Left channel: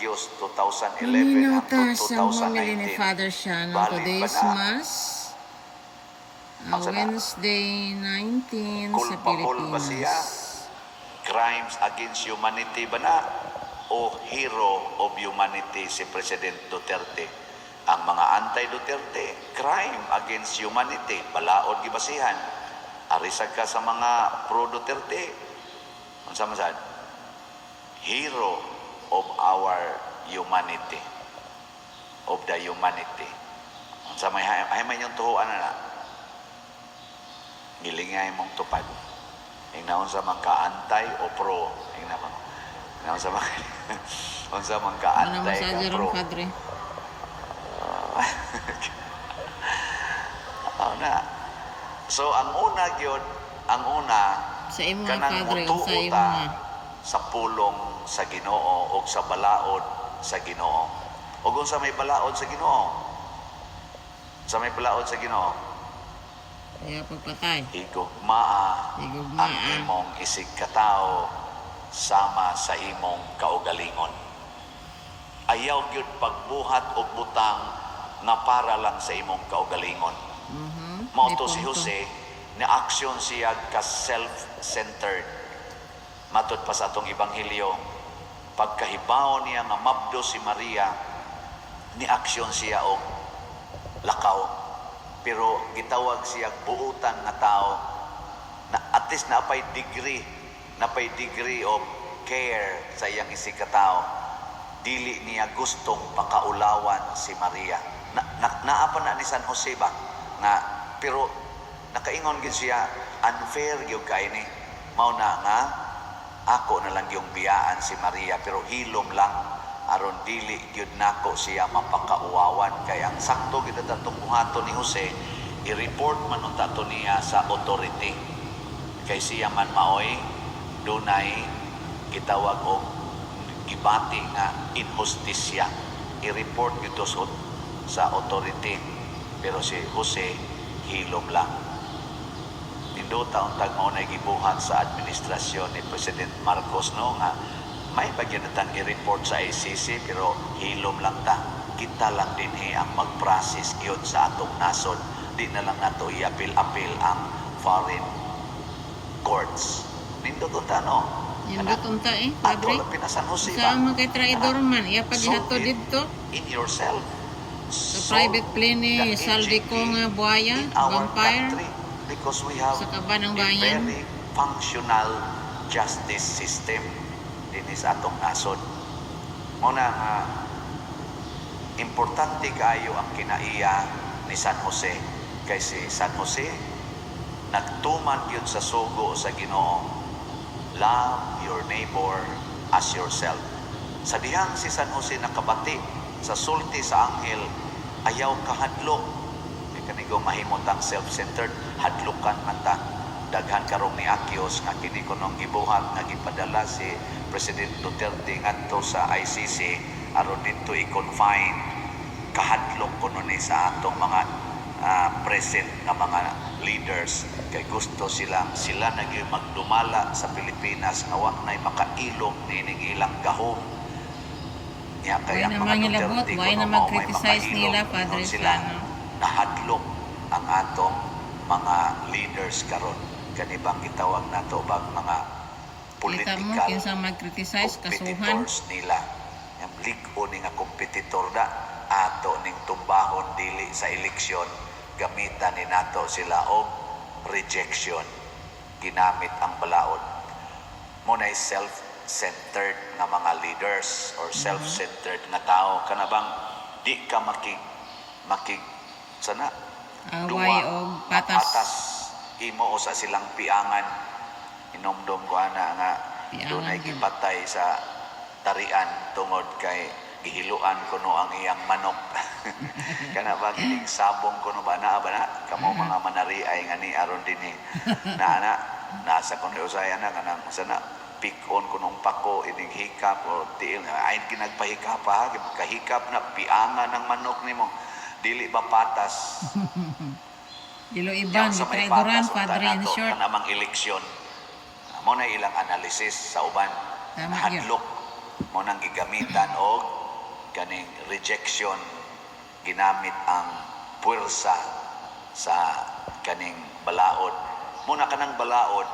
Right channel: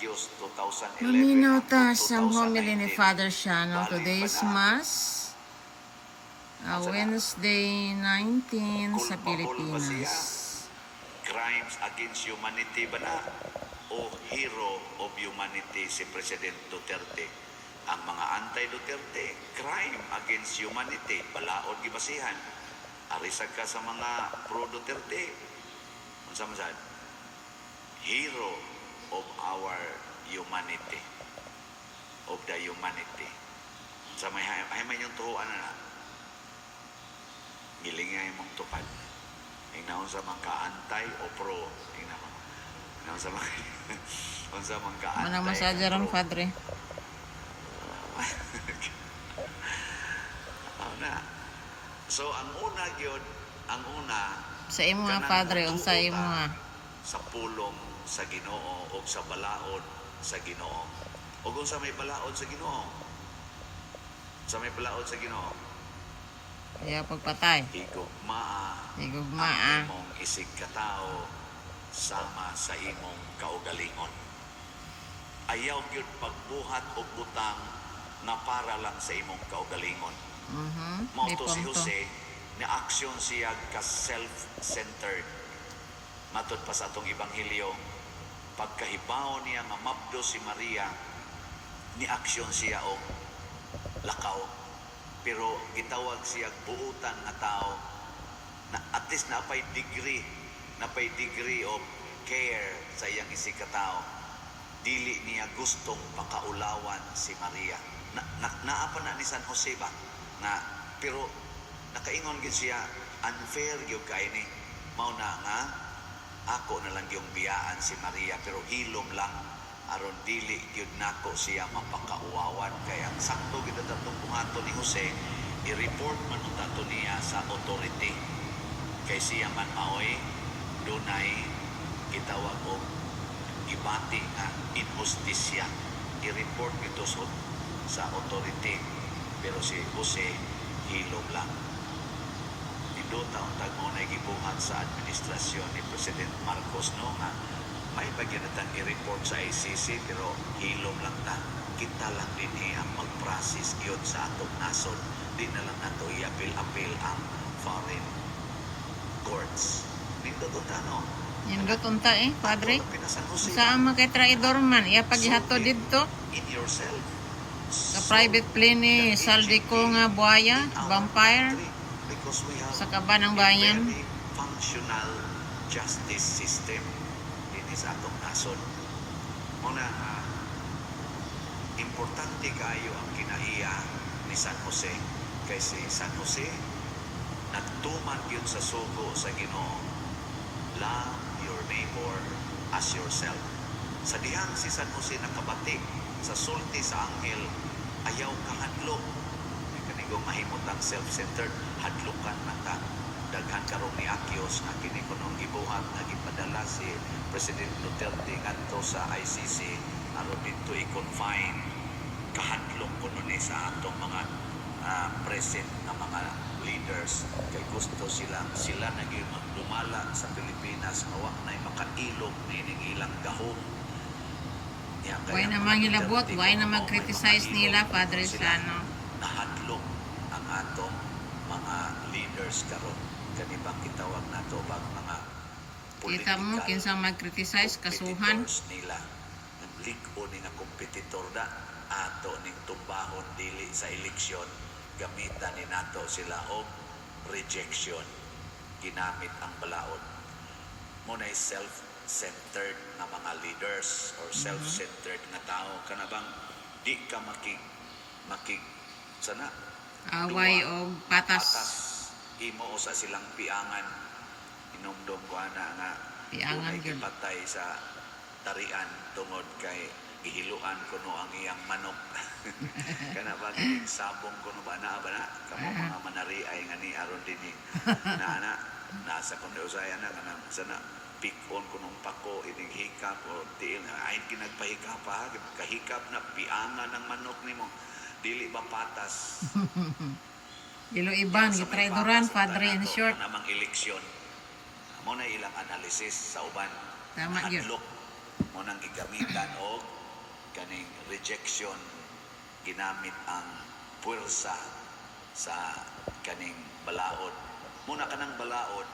Agios 2011 Paminaw hangtod ta sa homily ni 2019. Father Shano. Balik Today's pa na. Mass, Asa na? Wednesday 19 sa Culpable ba siya? Pilipinas. Crimes against humanity ba na? O hero of humanity si President Duterte? Ang mga anti-Duterte, crime against humanity, balaod gibasihan. Arisag ka sa mga pro-Duterte. Unsa man sad? Hero of our humanity. Of the humanity. Unsa may man yung tuhuan na. Gilingay mong tupad. Ingnaon sa mga ka-antay o pro. Ingnaon sa mga unsa man Ano ka-antay masyado ka rin, pro. Padre? Na. So ang una gyud, ang una Sa imo nga, kanang Padre, o sa mutuo imo ta nga. sa pulong sa Ginoo o sa balaod sa Ginoo. Ug unsa may balaod sa Ginoo? Sa may balaod sa Ginoo, Kaya pagpatay. higugmaa ang Higugmaa. imong isig katao sama sa imong kaugalingon. Ayaw gyud pagbuhat og butang nga para lang sa imong kaugalingon. Mao to si Jose, ni aksyon siya ka self-centered. Matod pa sa atong ebanghelyo, pagkahibaw niya nga mabdo si Maria, ni aksyon siya og lakaw. Pero gitawag siya buutan nga tao na at least napay degree of care sa iyang isig ka tao. Dili niya gustong pakaulawan si Maria. Naapa na ni San Jose ba? Pero nakaingon gid siya, unfair gyud kay ni. Mao na nga ako na lang yung biyaan si Maria, pero hilom lang aron dili gyud nako siya mapakauwawan. Kaya ang sakto gyud atong buhaton ni Jose, i-report man unta to niya sa authority. Kay siya man maoy dunay gitawag og gibati nga injustisya. I-report ito sa authority. Pero si Jose hilom lang. Nindo taon tag mao na gibuhat sa administrasyon ni President Marcos no nga may bagyan natang i-report sa ICC pero hilom lang ta. Kita lang din ang mag-process gyud sa atong nasod. Di na lang nato i-appeal ang foreign courts. Nindo to ta no. Nindot unta Padre. Ato San Jose Sa mga kay traidor man, iya paghihato So, didto. in yourself. Sa private plane ni Saldico nga buhaya, vampire. Because we have Sa kaban ng a bayan. very functional justice system din sa atong nasod. Muna nga importante kayo ang kinaiya ni San Jose. Kay si San Jose nagtuman yun sa sugo sa Ginoo. Love your neighbor as yourself. Sa dihang si San Jose nakabati sa sulti sa anghel, ayaw kahadlok. Di kanigo mahimot ang self-centered, hadlokan mata. Daghan karong ni Agios nga kini kunong gibuhat nga gipadala si President Duterte ngadto sa ICC aron dito i-confine kahadlok kuno ni sa atong mga present nga mga leaders kay gusto sila na gyud magdumala sa Pilipinas nga wa nay makailog niining ilang gahom. Why na mangilabot, why na mag-criticize nila, Padre Shano? Nahadlok ang atong mga leaders karon. Kanibang gitawag nato bang mga Kita mo, political kinsang mag-criticize, kasuhan. competitors nila. Yung liko ni nga kompetitor da, ato ning tumbahon dili sa eleksyon, gamitan ni nato sila og rejection. Ginamit ang balaod. Muna self-centered nga mga leaders or self-centered nga tao. Kanabang di ka makig sana Away o patas. Imo o sa silang piangan. Inomdom ko ana nga Piangan dunay gyud. gipatay sa tarian tungod kay gihiluan kuno ang iyang manok. Kana ba kining sabong kuno ba na kamo mga manariay nga ni aron dinhi. Na nasa kuno usaya na kanang sana pikon kunong pako ining hikap o tiil nga ay ginagpahikap ha kahikap na piangan ng manok nimo dili ba patas. Dilo iban, Yang sa may gitraidoran, patas, Padre, in nato, short. kanamang eleksyon. Mo na ilang analysis sa uban. Tama yun. Hadlok mo nang gigamitan og kaning rejection, ginamit ang puwersa sa kaning balaod. Muna kanang balaod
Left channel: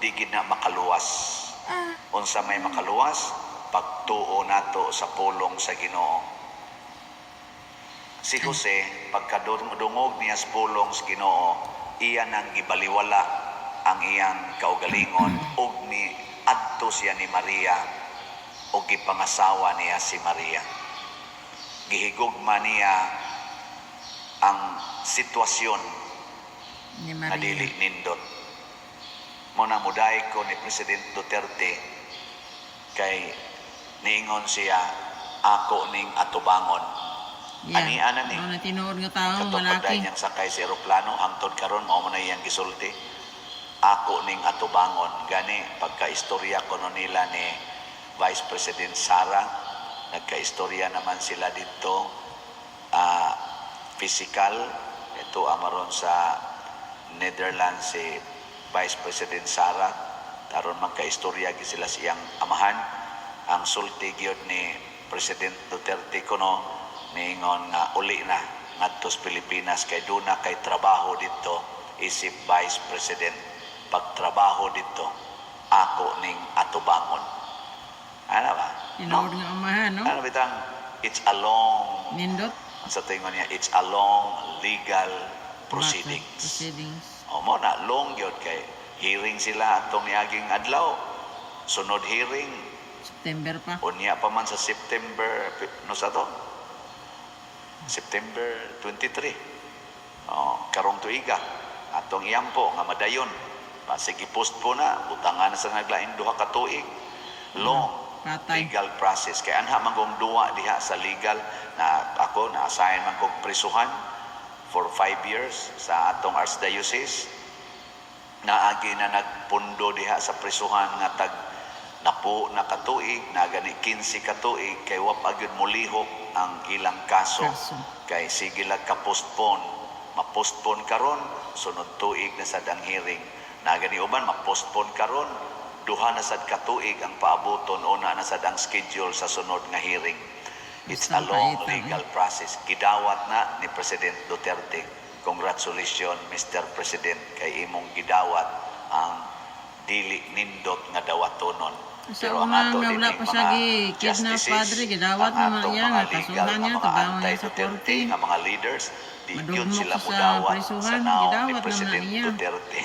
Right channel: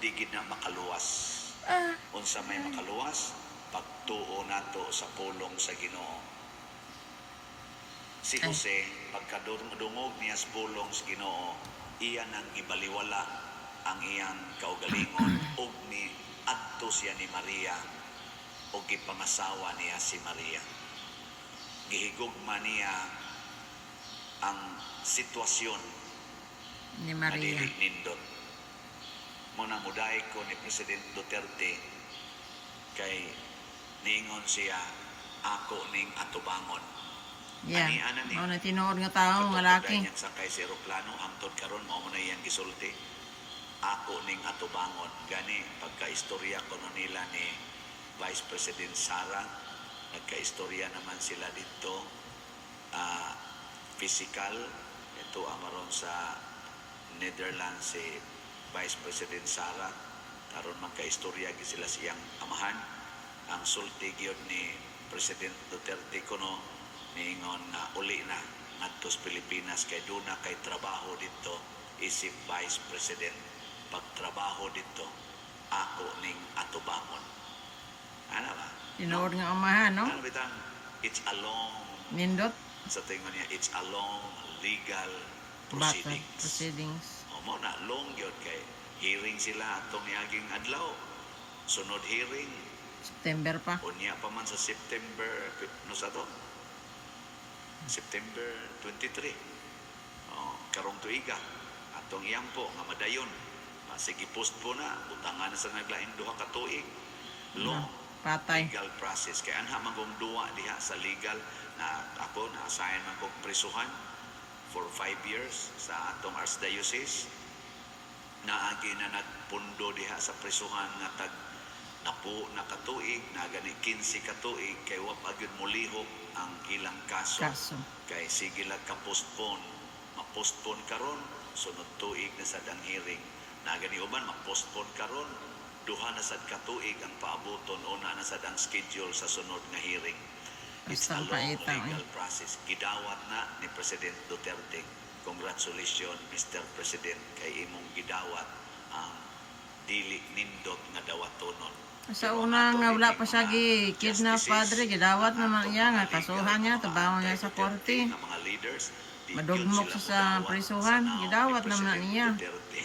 di gid na makaluwas. Unsa may makaluwas, pagtuo nato sa pulong sa Ginoo. Si Jose, pagkadungog niya sa pulong sa Ginoo, iya nang gibaliwala ang iyang kaugalingon ug ni adto siya ni Maria ug gipangasawa niya si Maria. Gihigugma niya ang sitwasyon Ni na Maria. dili nindot. Muna muday ko ni President Duterte kay niingon siya, ako ning atubangon. Ani ana ni Mao na tinuod nga tawo katong malaki. pagdayon niyang sakay sa eroplano, hangtod karon mao man na iyang gisulti. Ako ning atubangon. Gani pagkaistorya ko no nila ni Vice President Sara, nagkaistorya naman sila dito, physical. Ito amaron sa Netherlands si Vice President Sara, taron magkaistorya gi sila siyang amahan. Ang sulti gyud ni President Duterte kuno niingon nga uli na ngadto sa Pilipinas kay duna kay trabaho dito isip Vice President. Pagtrabaho dito, ako ning atubangon. Ano ba? Tinuod nga umahan, no? Ano bitang, it's a long, Nindot. sa tingon niya, it's a long legal proceedings. Proceedings. O mo na, long yun kay hearing sila atong niaging adlaw. Sunod hearing, September pa. unya pa man sa September, no sa to? September 23. Karong tuiga, atong iyampo nga madayon. Sige post po na, butangan na sa naglain duha ka tuig. Long Patay. legal process. Kaya anha manggong duwa diha sa legal na ako na-assign man kong prisuhan for 5 years sa atong Archdiocese. Naagi na nagpundo diha sa prisuhan nga tag napo na katuig, na gani 15 katuig, kay wapag yun mulihok ang ilang kaso. Kay sige lang ka-postpone. Ma-postpone karon, sunod tuig na sad ang hearing. Na gani uban, ma-postpone karon, duha na sad katuig ang paabuton, una na sad ang schedule sa sunod nga hearing. It's a long legal process. Gidawat na ni President Duterte. Congratulations, Mr. President, kay imong gidawat ang dili nindot nga dawatonon. Sa una nga wala pa siya kidnap padre, gidawat naman iya nga kasuhan niya, tabangon niya sa korte. Nga mga leaders, di yun Madugmok sila sa mudawat prisuhan, sa naong ni gidawat naman President niya. Duterte.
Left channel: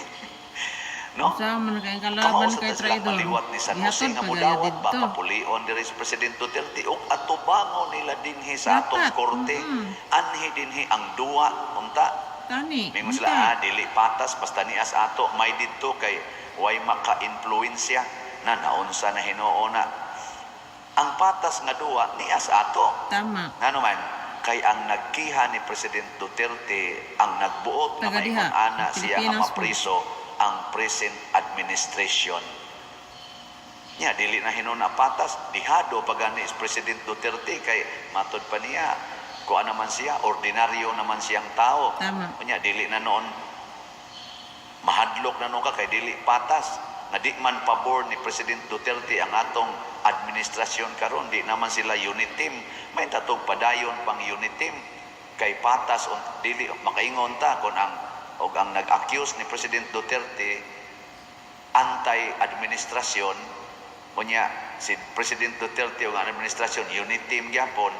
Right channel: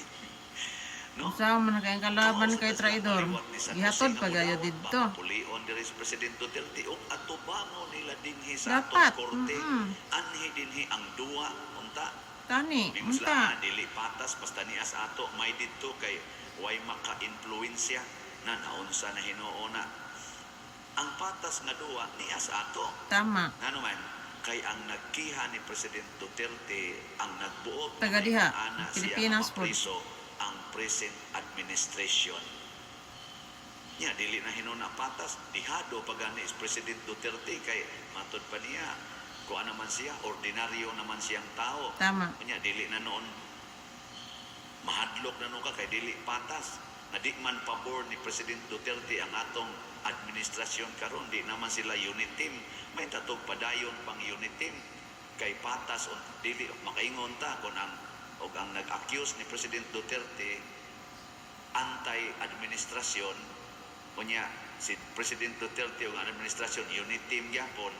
No? Sa man kayong kalaban kay traidor. Maliwat ni San Jose Gihatod nga pa gaya mudawat, dito. baka pulion diri si President Duterte ug atubangon nila dinhi sa atong Dapat, korte. Anhi dinhi ang duwa unta. Tani. Mingon sila, dili patas basta nias ato may dito kay way maka-influensya na naunsa na Hinoo na. Ang patas nga duwa nias ato. Tama. Ano man, kay ang nagkiha ni President Duterte ang nagbuot na Taga diha, ana siya ang Pilipinas po. mapriso ang present administration. Nya dili na hinuna patas, dihado pagani is President Duterte kay matod pa niya kuan naman siya, ordinaryo naman siyang tao. Tama. Nya dili na noon mahadlok na noon ka kay dili patas. Nga di man pabor ni President Duterte ang atong administrasyon karon, di naman sila unit team. May tatog padayon pang unit team kay patas dili makaingon ta kon ang og ang nag-accuse ni President Duterte anti-administrasyon, unya si President Duterte ug ang administrasyon unit team gyapon,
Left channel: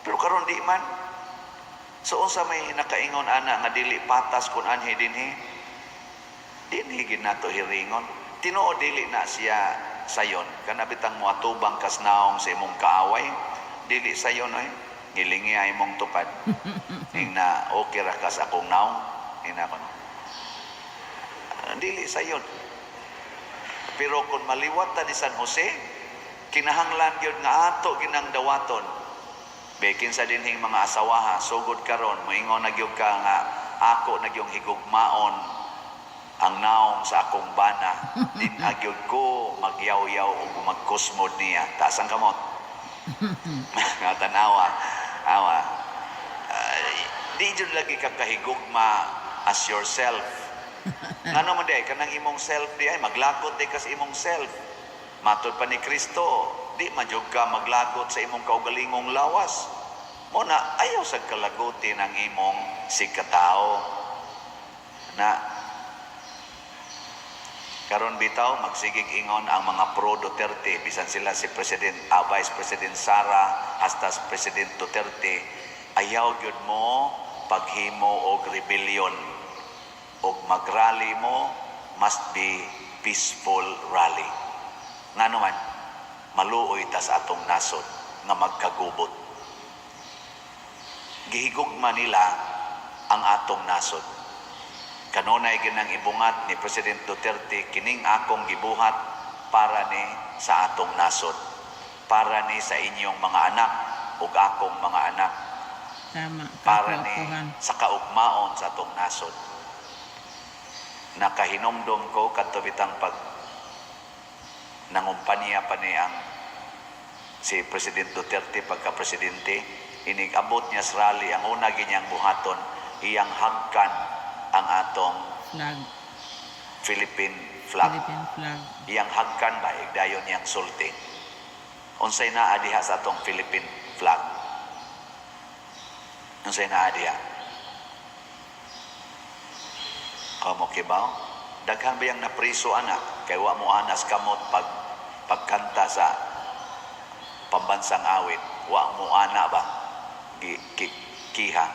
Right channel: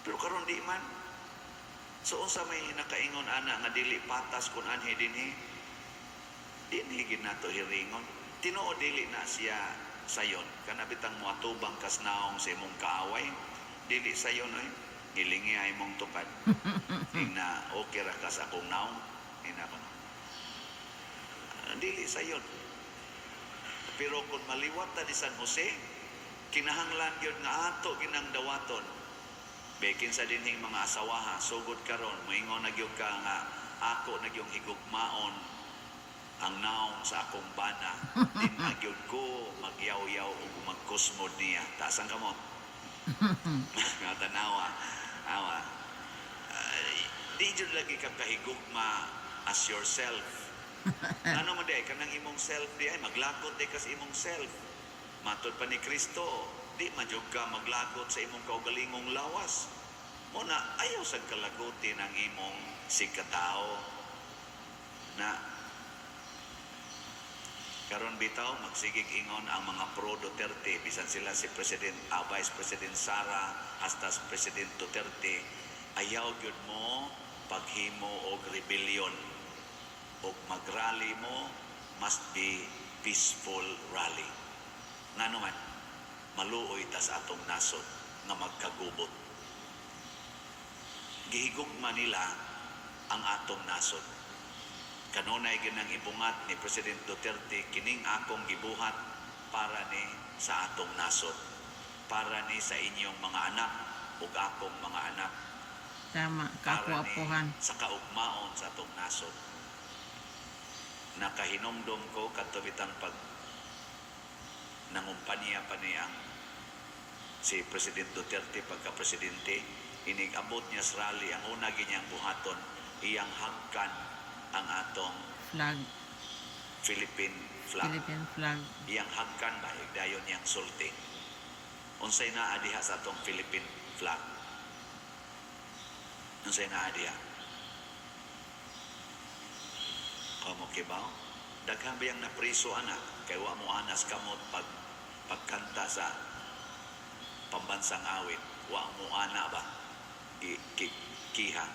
pero karon di man. So unsa may nakaingon ana nga dili patas kun anhi dinhi, dinhi gid nato hiringon. Tinuod dili na siya sayon kana bitang moatubang kas naong sa imong kaaway, dili sayon ay ngilingi ay imong tupad. Ing na okay ra ka sa akong naong ina ko no. Dili sayon. Pero kung maliwat ta ni San Jose, kinahanglan gyud nga ato ginang dawaton. Bekin sa dinhing mga asawaha, sugod karon moingon na gyud ka nga ako na gyung higugmaon ang naong sa akong bana. Din agyod ko magyaw-yaw o magkusmod niya. Taas ang kamot. Nga tanawa. Awa. Di dyan lagi ka kahigugma as yourself. Ano man di, kanang imong self di ay maglakot di kas imong self. Matod pa ni Kristo, di man jud ka maglagot sa imong kaugalingong lawas. Muna ayaw sa kalaguti ng imong sikatao na karon bitaw magsigig ingon ang mga pro Duterte bisan sila si Vice President Sara hasta si President Duterte, ayaw gyud mo paghimo og rebellion og magrally mo must be peaceful rally. Ngano man maluoy ta sa atong nasod nga magkagubot. Gihigugma nila ang atong nasod. Kanunay ginang ibungat ni President Duterte kining akong gibuhat para ni sa atong nasod, para ni sa inyong mga anak ug akong mga anak, Tama. para ni Kapuapuhan. sa kaugmaon sa atong nasod. Nakahinomdom ko kadto bitang pag nangumpanya pa ni ang si President Duterte pagka-presidente, inigabot niya sa rally, ang una ganyang buhaton, iyang hagkan ang atong Flag. Philippine flag. Philippine flag. Iyang hagkan ba, igdayon niyang sulti. Unsay naa diha sa atong Philippine flag? Unsay naa diha? Kamo kibaw? Daghan ba yung napriso anak? Kay wa mo anas kamot pagkanta sa pambansang awit. Wa mo ana ba? Kiha.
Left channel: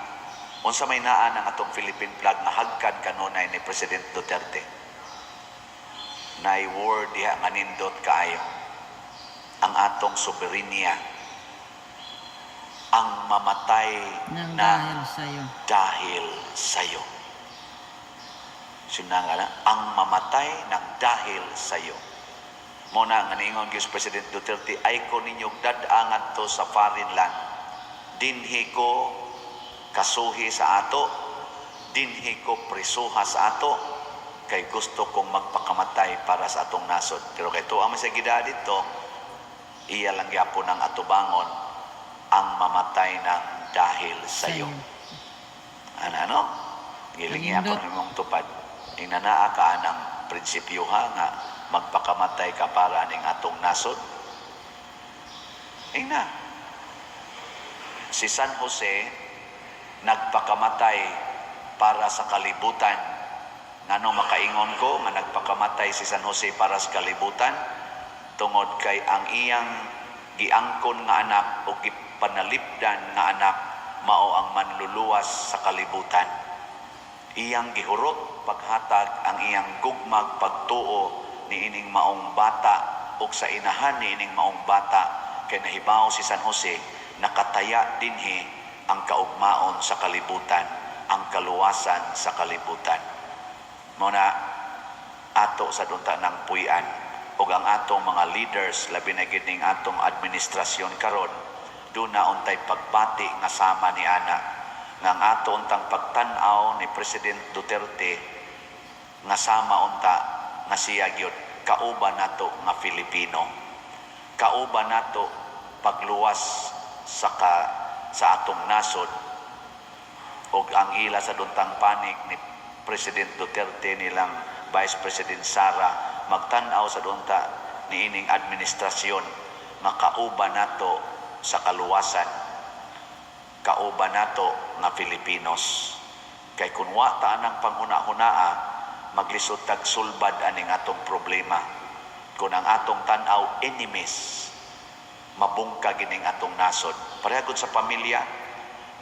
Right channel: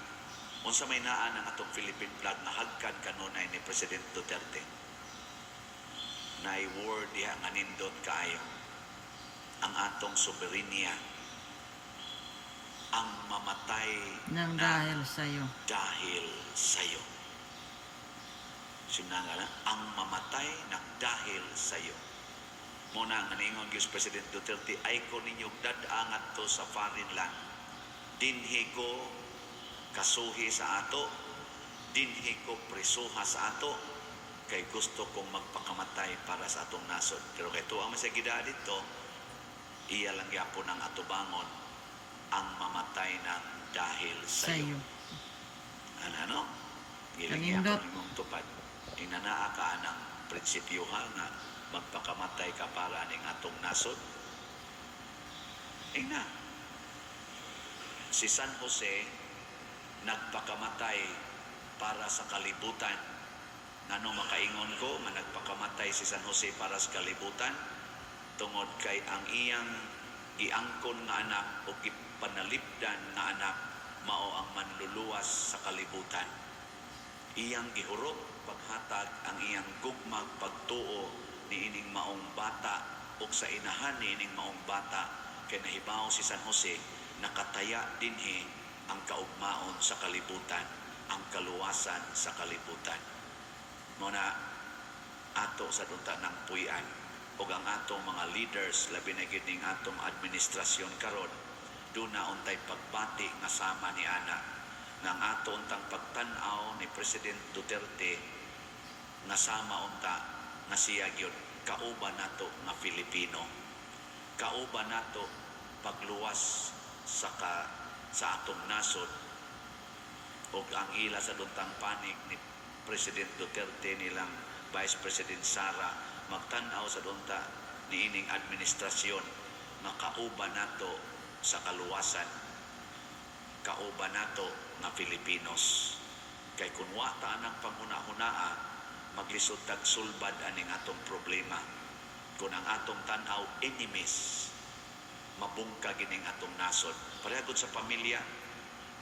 Unsa may naa ng atong Philippine flag nga hagkan kanunay ni President Duterte. Nay word diha nga nindot kaayo. Ang atong soberenya. Ang mamatay Nang na dahil sa'yo. dahil sa'yo. Sinangala, ang mamatay ng dahil sa'yo. Muna nga niingon Diyos President Duterte, ay ko ninyong dadangan to sa foreign land. Dinhi ko kasuhi sa ato, dinhi ko prisuha sa ato, kay gusto kong magpakamatay para sa atong nasod. Pero kay to ang masagida dito, iya lang yapon ang atubangon, ang mamatay ng dahil sa'yo. Ano? Gilingi ako Kanindot. ng mong tupad. Inanaa ka ng prinsipyuha nga magpakamatay ka para ning atong nasod. Ina. Si San Jose nagpakamatay para sa kalibutan. Ngano makaingon ko nga nagpakamatay si San Jose para sa kalibutan? Tungod kay ang iyang giangkon nga anak o gipanalipdan nga anak mao ang manluluwas sa kalibutan. Iyang gihurot paghatag ang iyang gugmag pagtuo ni ining maong bata o sa inahan ni ining maong bata kay nahibaw si San Jose nakataya dinhi ang kaugmaon sa kalibutan, ang kaluwasan sa kalibutan. Muna ato sa dunta ng puy-an ug ang atong mga leaders labi na gid ning atong administrasyon karon do na untay pagbati nga sama ni ana nga ang ato untang pagtan-aw ni President Duterte nga sama unta nga siya gyud kauban nato nga Filipino, kauban nato pagluwas sa atong nasod ug ang ila sa duntang panig ni President Duterte nilang Vice President Sara magtan-aw sa dunta ni ining administrasyon nga kauban nato sa kaluwasan, kauban nato nga Filipinos. Kay kun wa ta anang panghuna-hunaa maglisod tag sulbad aning atong problema. Kung ang atong tan-aw enemies, mabungka gining atong nasod. Parehagod sa pamilya,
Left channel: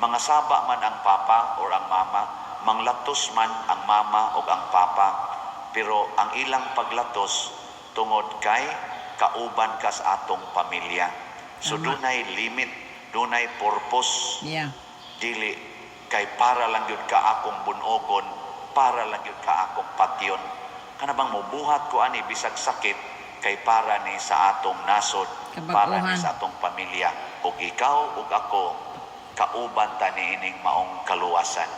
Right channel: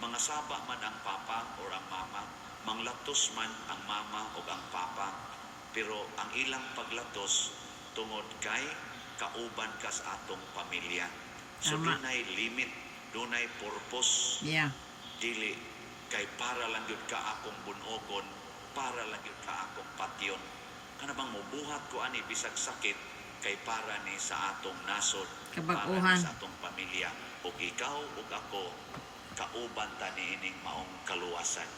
mga saba man ang papa o ang mama, manglatos man ang mama o ang papa, pero ang ilang paglatos tungod kay kauban ka sa atong pamilya. So dunay limit, dunay purpose. Yeah. Dili kay para lang yun ka akong bunogon, para lang yun ka akong patyon. Kana bang mubuhat ko ani bisag sakit kay para ni sa atong nasod, para ni Kabaguhan. sa atong pamilya. Ug ikaw ug ako kauban ta ni ining maong kaluwasan.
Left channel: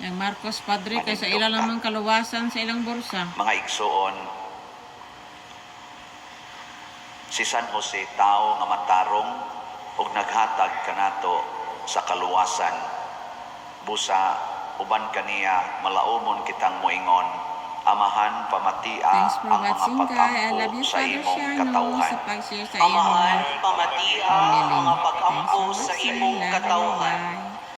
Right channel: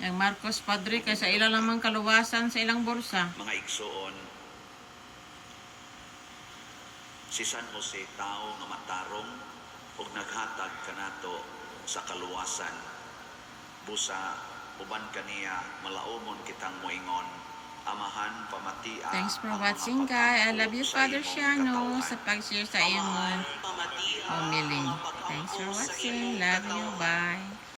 Yang Marcos Padre kay sa ilang lamang kaluwasan sa ilang bursa. Mga igsoon, si San Jose tao nga matarong ug naghatag kanato sa kaluwasan. Busa uban kaniya malaumon kitang moingon Amahan, pamatia Thanks for ang mga watching, guys. I love pag-ampo you, sa Father imong Shiano, katauhan. sa pag-share sa Amahan, iyong pamatia, pamili. mga Thanks pag-ampo for sa watching. imong Love you, katawhan. bye.